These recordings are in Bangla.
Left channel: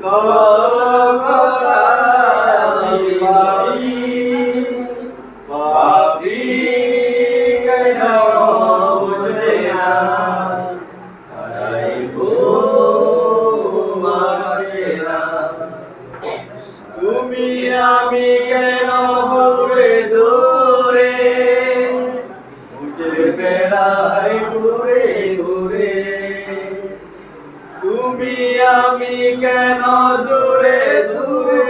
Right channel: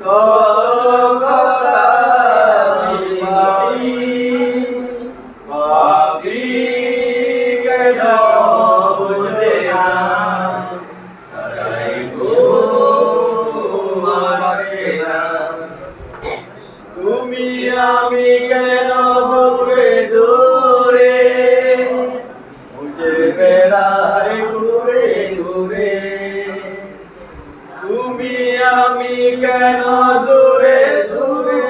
কত কথা আমি ভাবি ভাবি কেন বুঝে না তাই ঘুম আসে না তুমি আমি কেন দূরে দূরে খুঁজে বেড়াই ঘুরে ঘুরে তুমি আমি কেন দূরে দূরে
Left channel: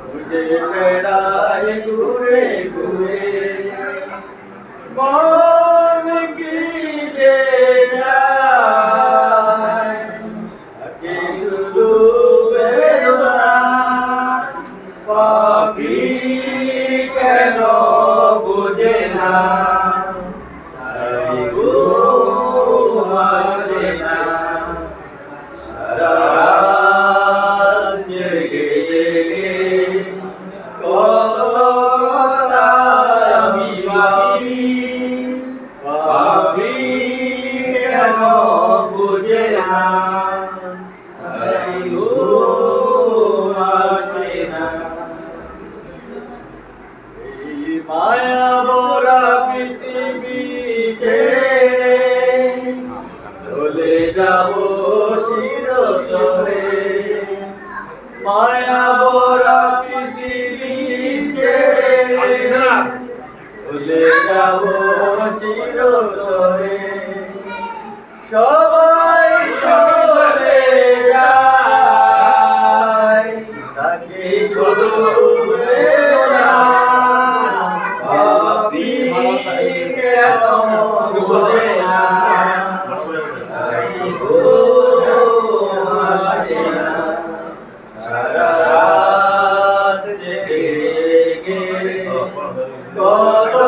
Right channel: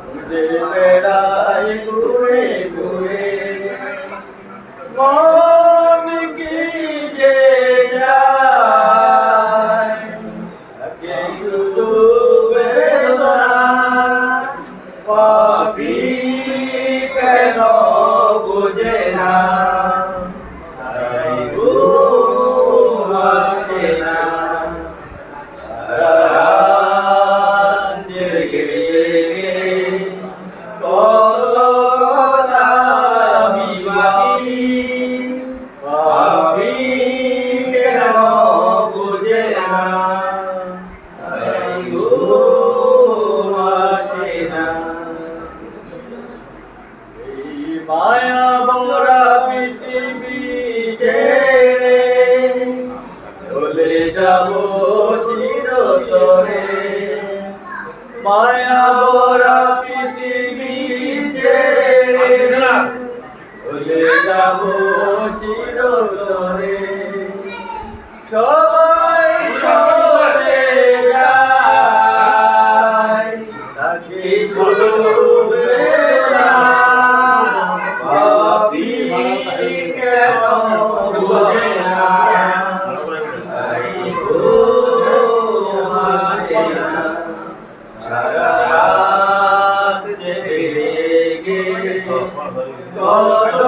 খুঁজে বেড়াই ঘুরে ঘুরে মন কি যে চায় তাকে শুধু বেদনা পাপি কেন বুঝে না তাই ঘুম আসে না সারা রাত জেগে জেগে কত কথা আমি ভাবি ভাবি কেন বুঝে না তাই ঘুম আসে না এই মায়া ভরা পৃথিবী ছেড়ে চলে যাব চিরতরে মায়া ভরা পৃথিবী ছেড়ে চলে যাব চিরতরে সবাই চলে যায় তাকে শুধু ভাবি কেন বুঝে না তাই ঘুম আসে না সারা রাত জেগে জেগে কত